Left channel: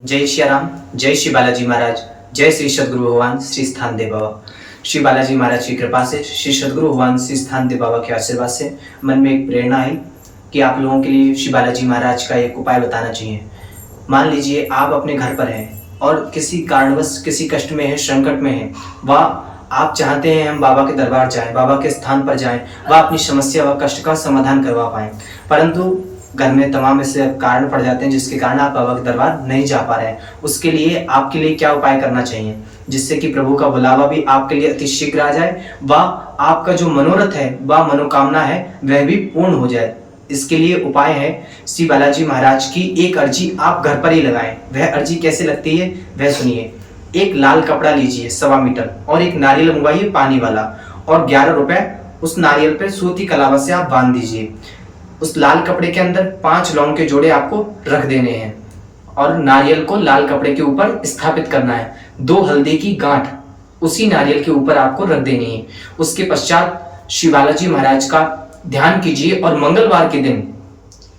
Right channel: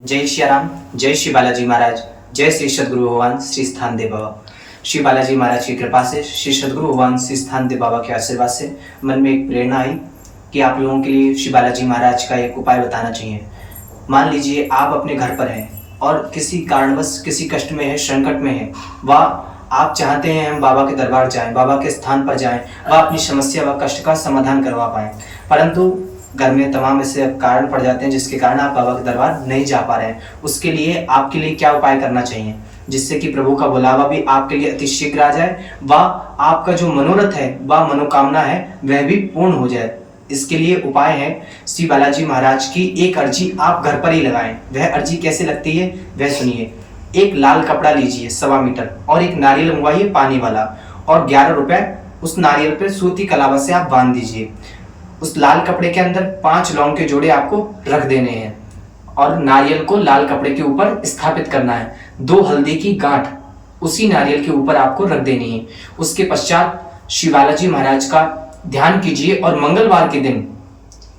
जय श्री राम, जय श्री बालाजी महाराज, जय श्री सदगुरु भगवान श्री स्थान देव बाबा। श्री बालाजी महाराज की कृपा से, श्री सदगुरु भगवान श्री स्थान देव बाबा के आशीर्वाद से मन में एक प्रेरणा आई कि आप लोगों के लिए श्री बालाजी महाराज का एक उपाय बताना चाहिए। मान लीजिए आप अपने घर पर हैं और किसी कारणवश किसी कष्ट में है, संकट में है, वह आप चाहते हैं हम बाबा के दरबार जाएं, बाबा के स्थान पर जाएं, वह अपनी समस्या व कष्ट का समाधान करवा पाएं, परंतु घर में तमाम ऐसे कारण पड़ जाते हैं जिसके कारण आप बाबा के दरबार नहीं जा पा रहे हैं। उसके लिए आपके लिए क्या उपाय करना चाहिए जिससे कि प्रभु का बुलावा भी आपके लिए अति शीघ्र आ जाए, व आपका जो मनोरथ है व मनोकामना है वह भी पूर्ण हो जाए। इसके लिए उपाय है, श्री बालाजी महाराज की एक अर्जी आप घर पर ही लगाएं। वह अर्जी कैसे लगती है वह सुनिए। एक लाल कपड़ा लीजिए 1.25 मीटर और एक नारियल मंगवाइए पानी वाला, और 11 रुपए उस नारियल पर सूती कलावा से आप बांध दीजिए। उस लाल कपड़े के अंदर 5 लौंग के जोड़े आपको रख देने हैं और नारियल को लाल कपड़े के ऊपर स्थापित करना है। 2 हल्दी की गांठ उसी नारियल के ऊपर आपको रख देनी है। उसके पश्चात श्री बालाजी महाराज का ध्यान कीजिए और मंगलवार के दिन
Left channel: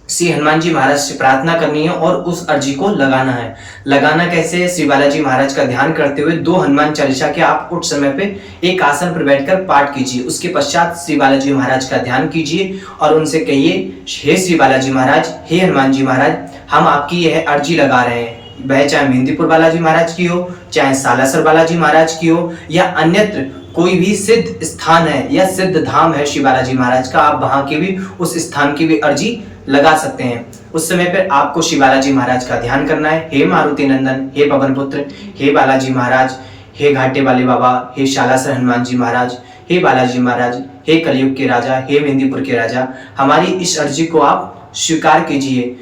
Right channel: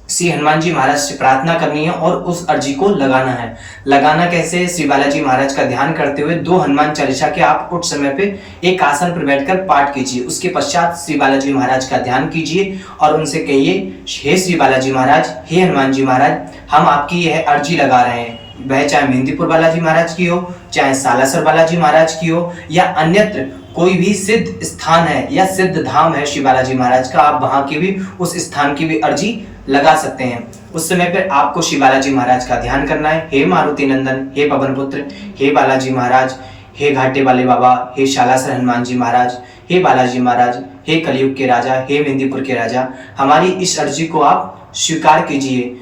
श्री हनुमान जी महाराज से प्रार्थना करनी है और उस अर्जी को लगाना है। लगाना कैसे है? श्री बालाजी महाराज का ध्यान करते हुए 2 हनुमान चालीसा के आप उठ समय पे एक आसन पर बैठकर पाठ कीजिए। उसके पश्चात श्री बालाजी महाराज का ध्यान कीजिए और उनसे कहिए, हे श्री बालाजी महाराज, हे हनुमान जी महाराज, हम आपकी यह अर्जी लगा रहे हैं। वह चाहे मेहंदीपुर बालाजी महाराज की हो, चाहे सालासर बालाजी महाराज की हो, या अन्यत्र कोई भी सिद्ध स्थान है या सिद्ध धाम है श्री बालाजी महाराज का, आप वहां की भी उस स्थान की भी अर्जी लगा सकते हैं। उस समय पर आपको श्री बालाजी महाराज का ध्यान करना है। हे मारुति नंदन, हे पवन पुत्र, हे बालाजी महाराज, हे घाटे वाले बाबा, हे शालासर हनुमान जी महाराज, हे बालाजी महाराज, हे कलयुग के राजा, हे मेहंदीपुर के राजा, हमारी इस अर्जी को आप स्वीकार कीजिए।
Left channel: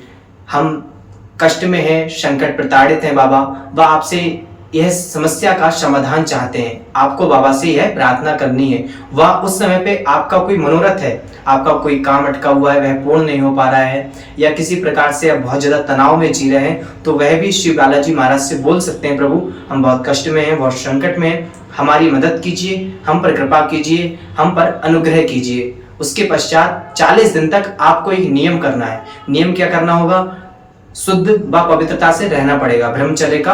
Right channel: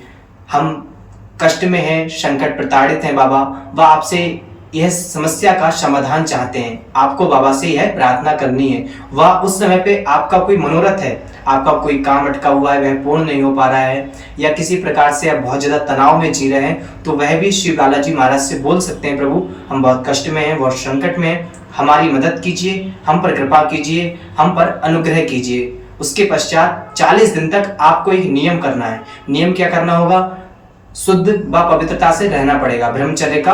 हम कष्ट में हैं, संकट प्रताड़ित हैं बाबा, वह आपसे यह समस्या का समाधान चाहते हैं। आपको बाबा से यह प्रार्थना करनी है। वह उस समय पे आपका कोई मनोरथ है, आपका कोई काम अटका हुआ है, वह पूर्ण नहीं हो पा रहा है, या किसी प्रकार से आप बहुत ज्यादा तनाव में जी रहे हैं, तो वह भी श्री बालाजी महाराज से बोल सकते हैं, प्रभु हम बहुत कष्ट में हैं, बहुत संकट में हैं, हमारी मदद कीजिए, हम पर कृपा कीजिए, हम पर अनुग्रह कीजिए। उसके पश्चात 40 दिन तक आपको एक नियम करना है। नियम क्या करना होगा? शुद्ध व पवित्रता से रहना पड़ेगा, ब्रह्मचर्य का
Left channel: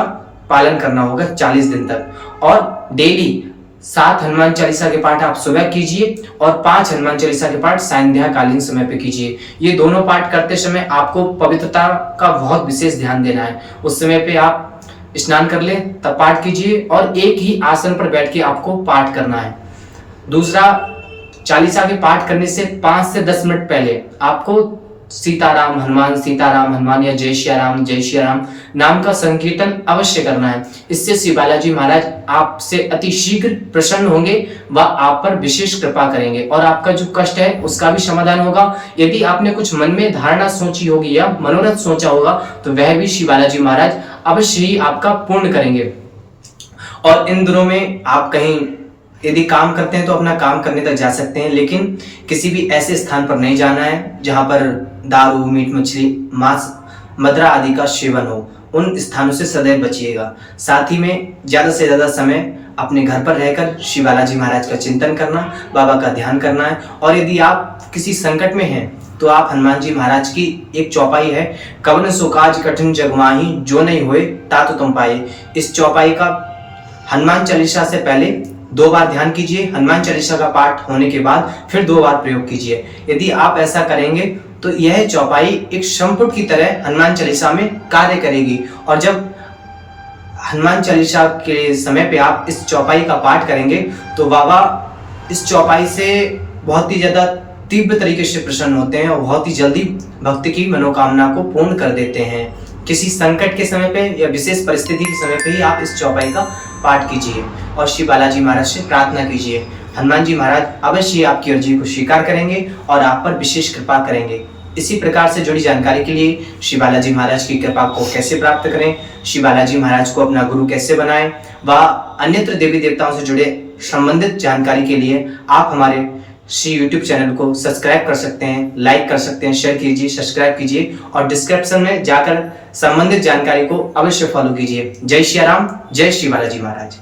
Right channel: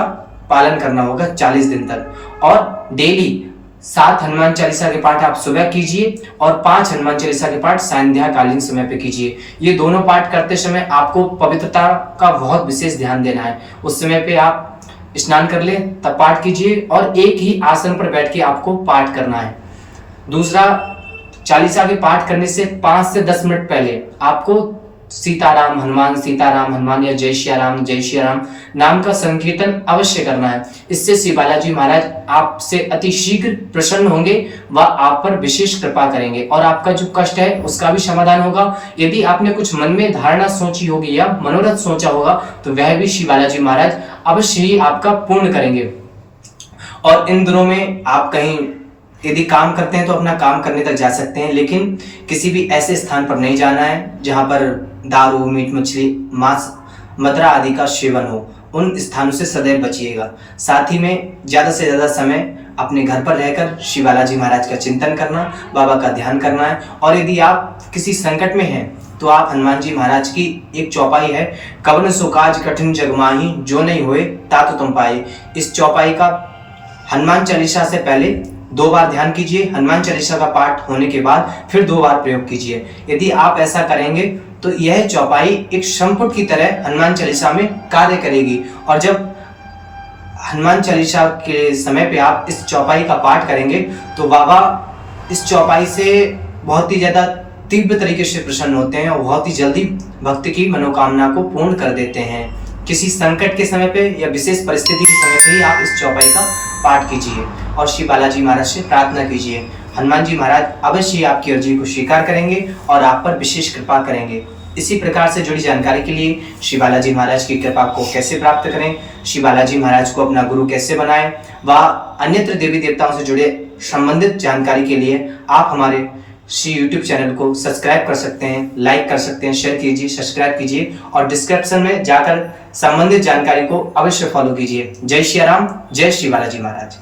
पालन करना होगा 40 दिन तक। और डेली 7 हनुमान चालीसा के पाठ आप सुबह कीजिए और 5 हनुमान चालीसा के पाठ संध्या कालीन समय पे कीजिए। ये दोनों पाठ करते समय आपको पवित्रता का बहुत विशेष ध्यान देना है। उस समय पे आप स्नान कर लें तब पाठ कीजिए और एक ही आसन पर बैठ के आपको पाठ करना है। दूसरा, चालीसा के पाठ करने से 5 से 10 मिनट पहले आपको सीताराम हनुमान या जय श्री राम नाम का संकीर्तन अवश्य करना है। इससे श्री बालाजी महाराज आपसे अति शीघ्र प्रसन्न होंगे व आप पर विशेष कृपा करेंगे और आपका जो कष्ट है उसका भी समाधान होगा। यदि आपने कुछ मन में धारणा सोची होगी या मनोरथ सोचा होगा तो वह भी श्री बालाजी महाराज अवश्य ही आपका पूर्ण करेंगे। और इन दिनों में आप कहीं यदि काम करते हैं तो अपना काम करने तक जा सकते हैं, लेकिन किसी भी ऐसे स्थान पर नहीं जाना है जहां पर दारू, मीट मछली, मांस, मदिरा आदि का सेवन हो। उन स्थानों से सदैव बचिएगा। साथ ही में ज्यादा से ज्यादा समय अपने घर पर रहकर श्री बालाजी महाराज का चिंतन करना, बाबा का ध्यान करना है। और यदि आप किसी संकट में हैं तो आप हनुमान जी महाराज की एक चौपाई है, कवन सो काज कठिन जग माही, जो नहीं होए ता तो तुम पाए। इस चौपाई का हनुमान चालीसा से पहले 2 बार ध्यान कीजिए, हनुमान चालीसा का पाठ होने के बाद फिर 2 बार प्रयोग कीजिए। यदि आप ऐसा करेंगे तो यह चौपाई एक संपुट की तरह हनुमान चालीसा में कार्य करेगी। और जब हनुमान चालीसा के समय पे आप इस चौपाई का पाठ करेंगे तो बाबा इस चौपाई से बहुत ही ज्यादा तीव्र तरीके से प्रसन्न होते हैं और बहुत ही जल्दी भक्त की मनोकामना को पूर्ण कर देते हैं। किसी संकट के समय पे या विशेष परिस्थिति के समय पे ही आप इस चौपाई का पाठ कीजिए और श्री बालाजी महाराज से प्रार्थना कीजिए। हनुमान जी महाराज अवश्य आपकी अर्जी को स्वीकार करेंगे और आप पर विशेष कृपा करेंगे। इसी प्रकार से जुड़ी जानकारी के लिए श्री बालाजी महाराज की कृपा को कैसे प्राप्त करें, श्री बालाजी महाराज को अपना गुरु कैसे बनाएं, व अन्यत्र देवी देवताओं से जुड़े संबंधित जानकारी के लिए आप हमारे श्री यूट्यूब चैनल को सब्सक्राइब कर सकते हैं, लाइक कर सकते हैं, शेयर कीजिए, सब्सक्राइब कीजिए और डिस्क्रिप्शन में जाकर संबंधित जानकारी को अवश्य फॉलो कीजिए। जय श्री राम, जय श्री बालाजी महाराज।